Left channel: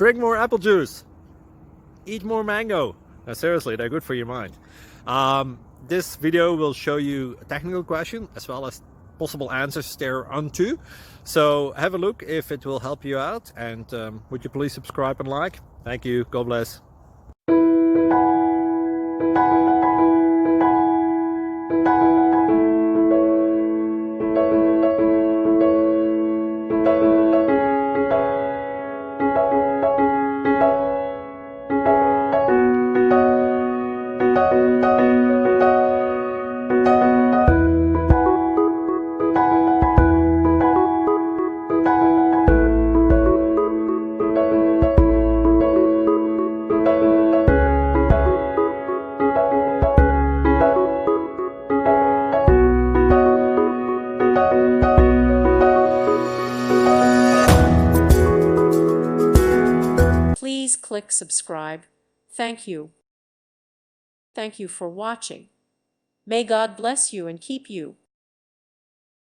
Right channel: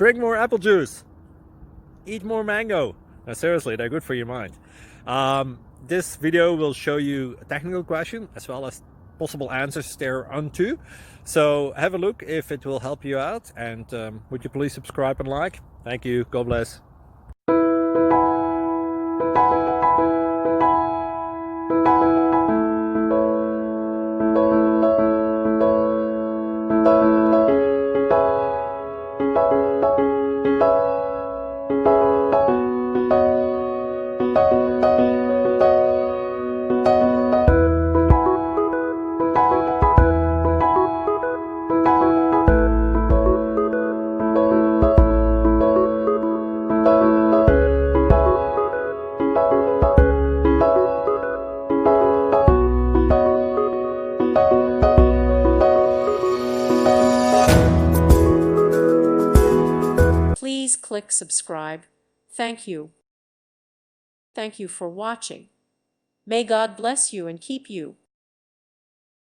Drink more apple juice. Eat more mango. No, seriously, they're good for your mind. This video will show you a technical question as well as possible answers thereunto. So have a look if it will help you out, and would you please subscribe and like? Thank you. God bless. Please click subscribe. Thank you. Thank you for watching. May God bless you and keep you.